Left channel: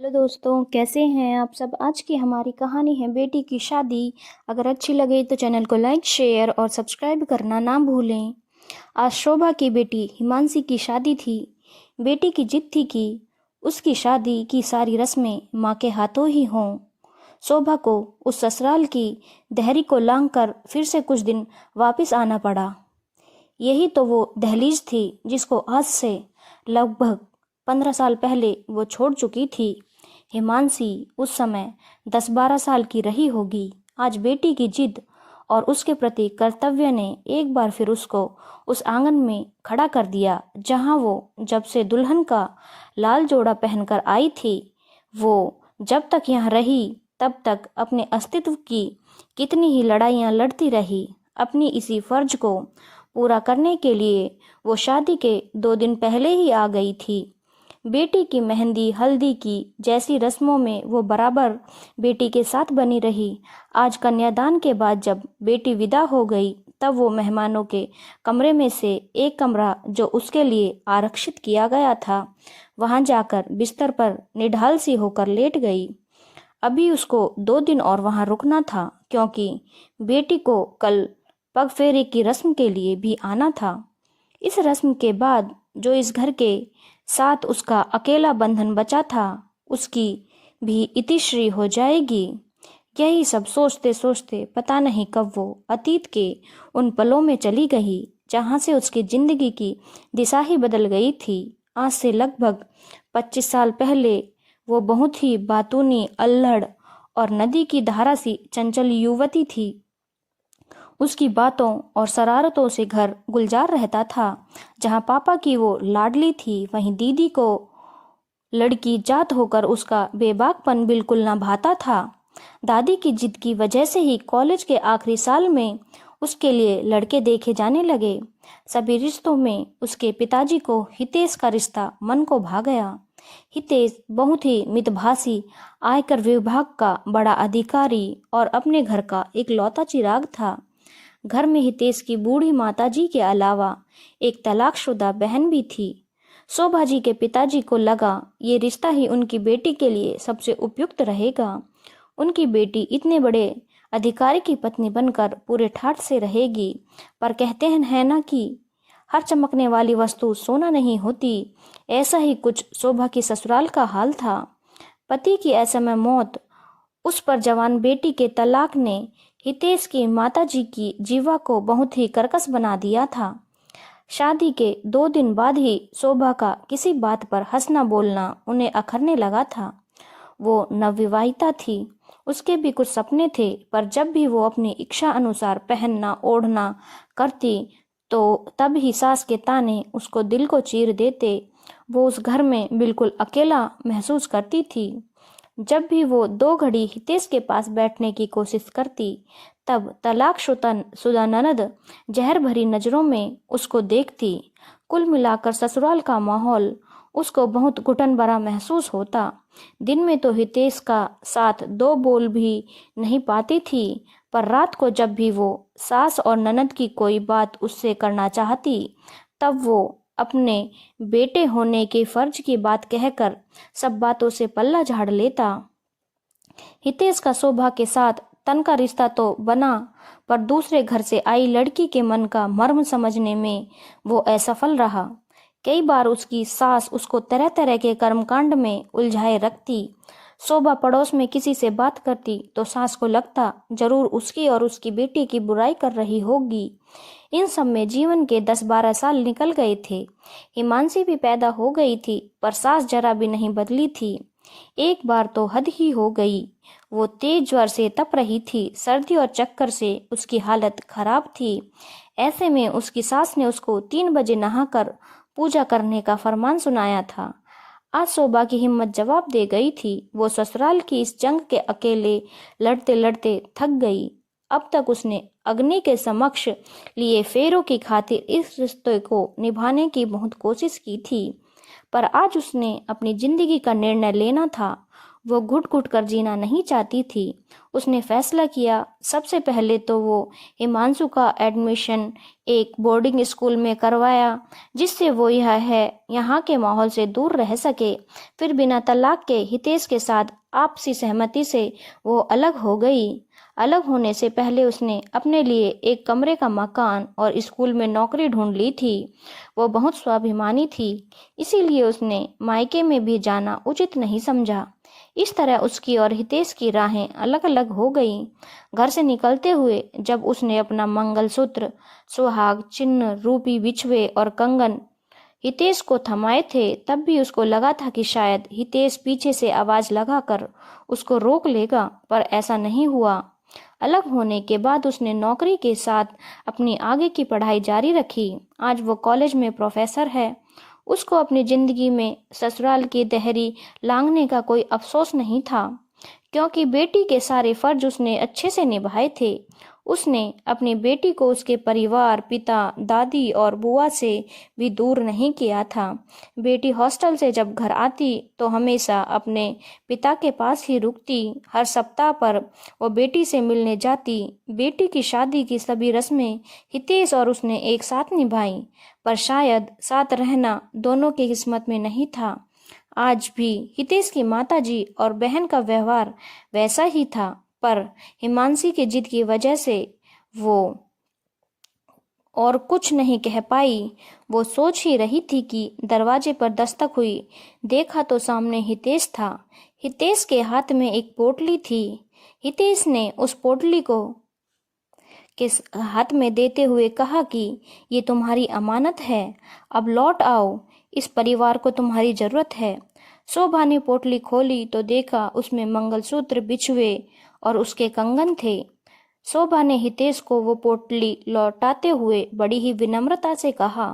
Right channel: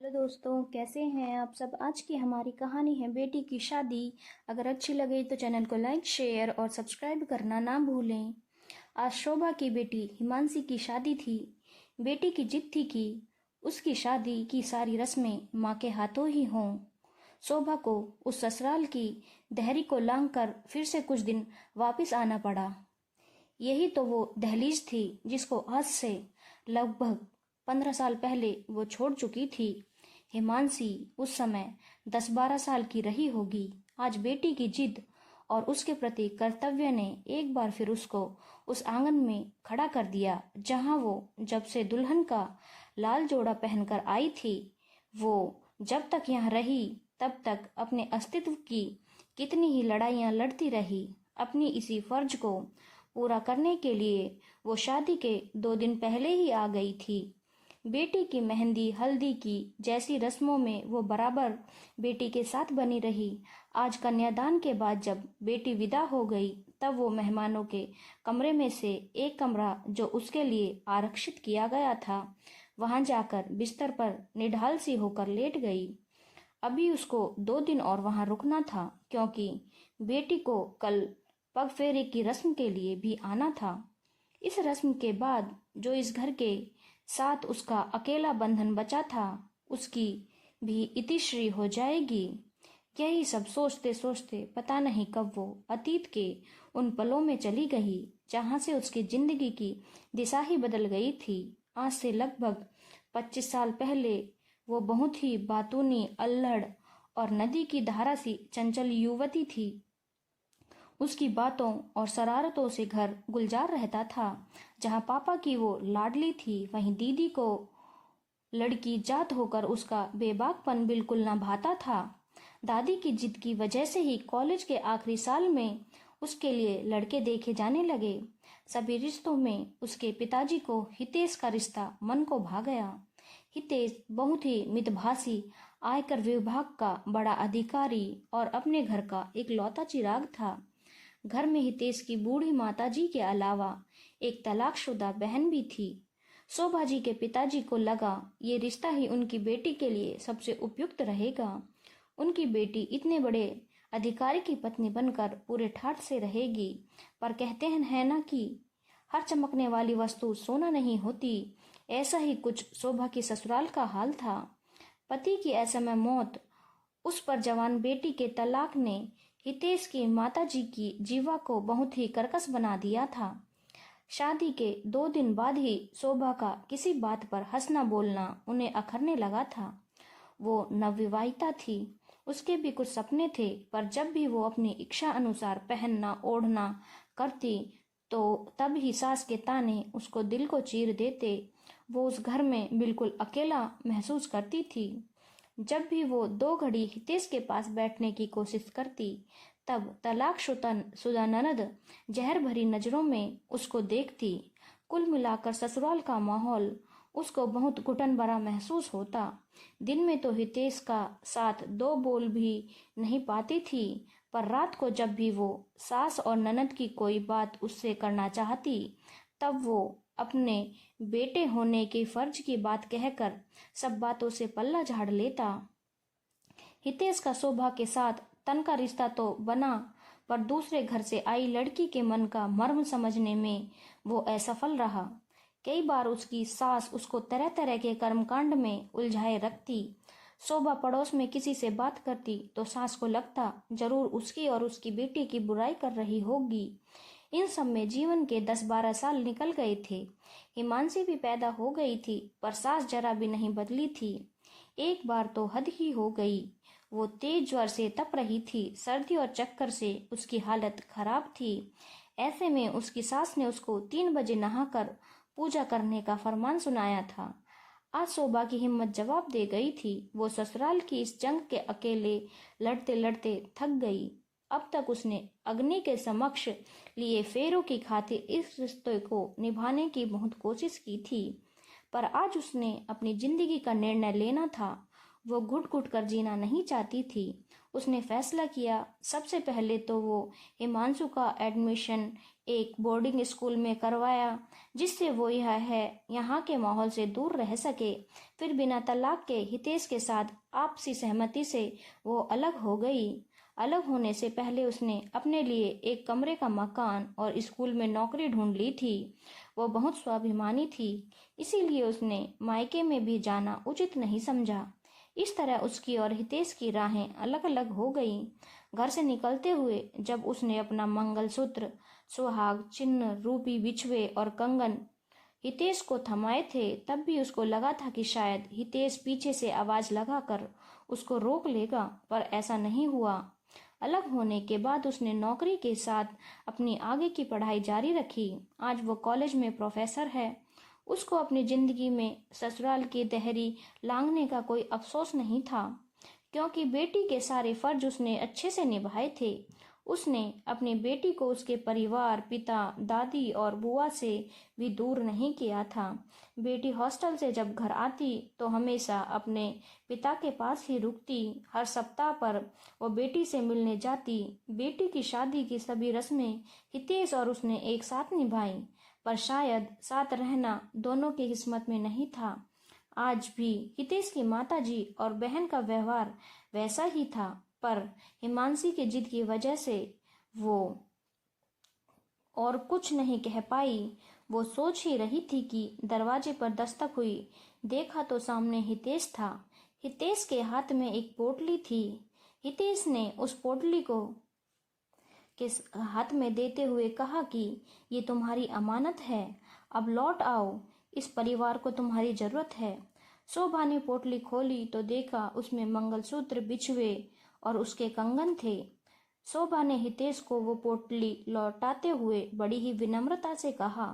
Hello दोस्तों, कैसे हैं आप सब। आज की हमारी कहानी है बेटी की शादी। अगर अच्छी लगे तो चैनल को लाइक शेयर और सब्सक्राइब करना ना भूलें। आज शोभा की बेटी हिमांशी की शादी थी। बेटी की जिद थी कि उसकी शादी की सारी रस्में माँ के हाथों ही हों। शोभा को उस ससुराल की दहरी को लांघ कर फिर से कुछ दिन वापस आना पड़ा। यही तो वो दहलीज थी जिसको आज से लगभग 15 साल पहले वो छोड़ चुकी थी। हिमांशी उस समय 10-12 साल की रही होगी। आज बेटी की जिद और उसके प्रति कर्तव्य ने एक बार फिर उसको उस आंगन में खड़ा कर दिया जहां वो जब से दुल्हन का लाल जोड़ा पहनकर आई थी। वो जब तक यहाँ रही तब तक अपने अस्तित्व की कितनी ही लड़ाइयाँ लड़ती रही। अपनी इसी फर्ज को पूरा करने के लिए वो शादी के 2 दिन पहले ही आ गई थी। बेटी की मेहंदी हल्दी की जैसी रस्मों में वो बराबर बेटी के साथ बनी रही। आज कन्यादान के बाद जब बेटी विदा हो गई तब वो मेहमानों के कमरे में से एक कमरा जो उसके लिए आरक्षित किया गया था वहां जाकर बिस्तर पर निढाल सी होकर लेट गई। अभी उसको 2 दिन और वहां रुकना था क्योंकि बेटी को कल पग फेरे की रस्म के लिए भी आना था। इस रस्म के बाद जो इस घर के साथ उसका अकेला बंधन बचा था उसकी भी इतिश्री हो जाएगी। यही सब सोचते सोचते पता नहीं कब वो अतीत के उन पलों में चली गई जहां से उसकी जिंदगी की दिशा ही बदल गई थी। आज से लगभग 25 साल पहले वो बहुत ही बातूनी अल्हड़ और नदी की धारा सी चंचल युवती थी। उसकी बातों और शरारतों से घर गुलजार रहता था। जहां पापा की वो लाडली थी वहीं दीदी को लड़की जात होकर उसका बेबाकपन बिल्कुल ना भाता था। दादी की जिद की वजह से ही कॉलेज के आखिरी साल में उसके लिए लड़के देखे जाने लगे। सभी रिश्तों में उसके पिताजी को हितेश का रिश्ता मन को भा गया। हितेश बहुत ही मितभाषी, आयकर विभाग का बड़ा अधिकारी और अपने घर का एक लौता चिराग था। घर में हितेश की बूढ़ी माताजी के अलावा एक तलाकशुदा बहन भी थी। शोभा जी के पिताजी को लगा ये रिश्ता ही उनकी बेटी के लिए सबसे उपयुक्त रहेगा। उनकी बेटी इतने बड़े अधिकारी की पत्नी बनकर पूरे ठाठ से रहेगी। पर कहते हैं ना कि हर चमकने वाली वस्तु सोना नहीं होती। ऐसा ही कुछ शोभा की ससुराल का हाल था। पति की असमय मौत, उस पर जवान बेटी के तलाक ने हितेश की माताजी की जीवा को बहुत ही कर्कश बना दिया था। शादी के 2 दिन बाद ही शोभा का किसी बात पर हंसना बोलना उन्हें अखरने लगा था। वो नवविवाहिता थी, उसके भी कुछ सपने थे, पर जब भी वो अपनी इच्छा अनुसार पहनना ओढ़ना करती तो तब ही सास के ताने उसको दिल को चीर देते। वो उस घर में बिल्कुल अकेला महसूस करती थी। जब भी वो 2 घड़ी हितेश के पास बैठने की कोशिश करती तब तलाकशुदा ननद जहर भरी नजरों में उसको देखती। कुल मिलाकर ससुराल का माहौल उसको बहुत घुटन भरा महसूस होता। दिन में तो हितेश का साथ 2 बोल भी नहीं पाती थी, पर रात को जब भी वो सास और ननद की कोई बात उससे करना चाहती तब वो अपने बेटे होने के फर्ज की बात कहकर सब बातों से पल्ला झाड़ लेता। हितेश का शोभा के साथ तन का रिश्ता तो बना, पर दूसरे घर से आई लड़की के मन का मर्म समझने में वो असफल रहा। कई बार उसकी सास उसको तरह तरह के कर्मकांड में उलझाए रखती। शोभा पड़ोस में किसी से बात करती तो सास को लगता जरूर उसकी और उसकी बेटी की बुराई कर रही होगी। इन सब में जीवन के 10-12 साल निकल गए थे। हिमांशी भी पैदा हो गई थी, पर सास जरा भी नहीं बदली थी। एक बार तो हद ही हो गई। वो तेज ज्वर से तप रही थी। सर्दी और चक्कर से उसकी हालत खराब थी। ऐसे में उसकी सास ने उसको 3 बजे नहाकर पूजा करने का फरमान सुनाया था। आज शोभा की हिम्मत जवाब दे गई थी। वो ससुराल की इस जंग के अकेले लड़ते लड़ते थक गई। अब तक उसने अग्नि के समक्ष लिए फेरों की खातिर इस रिश्ते को निभाने की बहुत कोशिश की थी, पर आज उसने अपनी जिंदगी का निर्णय लेना था। वो घुट-घुट कर जीना नहीं चाहती थी। उसने फैसला किया सबसे पहले तो वो हिमांशु का एडमिशन एक बोर्डिंग स्कूल में करवाया, जिससे वो यहाँ के माहौल से दूर रह सके। फिर बिना तलाक के हितेश के साथ आपसी सहमति से वो अलग हो गई। अलग होने से पहले उसने अपने लिए एक कमरे का मकान और स्कूल में नौकरी ढूंढ ली थी। वो बहुत स्वाभिमानी थी, इसीलिए उसने मायके में भी जाना उचित नहीं समझा। इस तरह उसकी और हितेश की राहें अलग अलग हो गईं। घर से निकलते हुए जब उसने अपना मंगलसूत्र, सुहाग चिन्ह रूपी बिछुए और कंगन हितेश को थमाए थे, तब भी उसको लगा था कि शायद हितेश पीछे से आवाज लगाकर उसको रोक लेगा, पर ऐसा नहीं हुआ। अलग होने के बाद उसने नौकरी के साथ अपनी आगे की पढ़ाई जारी रखी। आज वो कॉलेज में प्रोफेसर है। उसको अपनी जिंदगी में ससुराल की देहरी लांघने का कोई अफसोस नहीं था, क्योंकि बेटी के सारे फर्ज उसने अच्छे से निभाए थे। उसने अपनी बेटी को उसके परिवार, पिता, दादी और बुआ से भी दूर नहीं किया था। बेटी हॉस्टल से जब घर आती तो हमेशा अपने पिता के पास ही रुकती। हर सप्ताह पर वो बेटी से मिलने जाती। बेटी की शादी की सभी रस्में हितेश और उसने एक साथ निभाई, पर शायद साथ रहना दोनों की किस्मत में नहीं था। आज भी हितेश की माताजी और बहन का व्यवहार वैसा ही था, पर हिमांशी की जिद की वजह से वो और कुछ नहीं कह पाई। वो सोच ही रही थी कि दरवाजे पर दस्तक हुई। देखा तो सामने हितेश था। हितेश के हाथ में एक पोटली थी। हितेश ने उस पोटली को हाथ में देते हुए कहा कि ये तुम्हारी अमानत है, अब लौट आओ, इस परिवार को तुम्हारी जरूरत है। शोभा ने पोटली खोली तो देखा उसमें मंगलसूत्र, बिछुए और उसके कंगन थे। शोभा ने हितेश को वो पोटली लौटाते हुए बड़ी ही विनम्रता से कहा,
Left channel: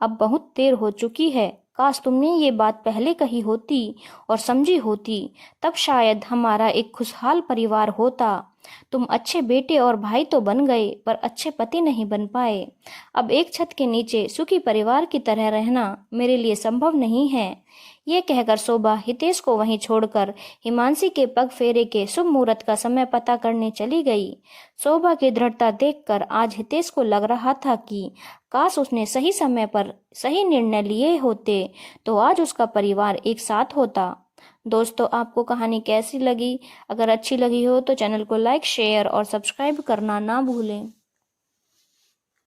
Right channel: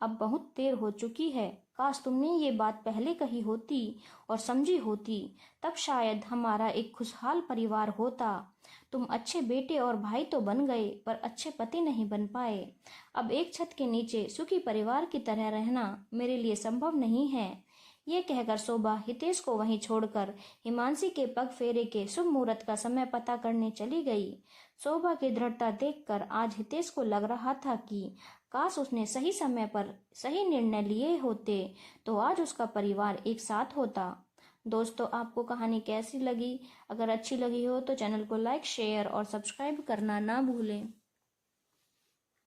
अब बहुत देर हो चुकी है, काश तुमने ये बात पहले कही होती और समझी होती, तब शायद हमारा एक खुशहाल परिवार होता। तुम अच्छे बेटे और भाई तो बन गए, पर अच्छे पति नहीं बन पाए। अब एक छत के नीचे सुखी परिवार की तरह रहना मेरे लिए संभव नहीं है। ये कहकर शोभा हितेश को वहीं छोड़कर हिमांशी के पग फेरे के शुभ मुहूर्त का समय पता करने चली गई। शोभा की दृढ़ता देखकर आज हितेश को लग रहा था कि काश उसने सही समय पर सही निर्णय लिए होते तो आज उसका परिवार एक साथ होता। दोस्तों, आपको कहानी कैसी लगी? अगर अच्छी लगी हो तो चैनल को लाइक, शेयर और सब्सक्राइब करना ना भूलें।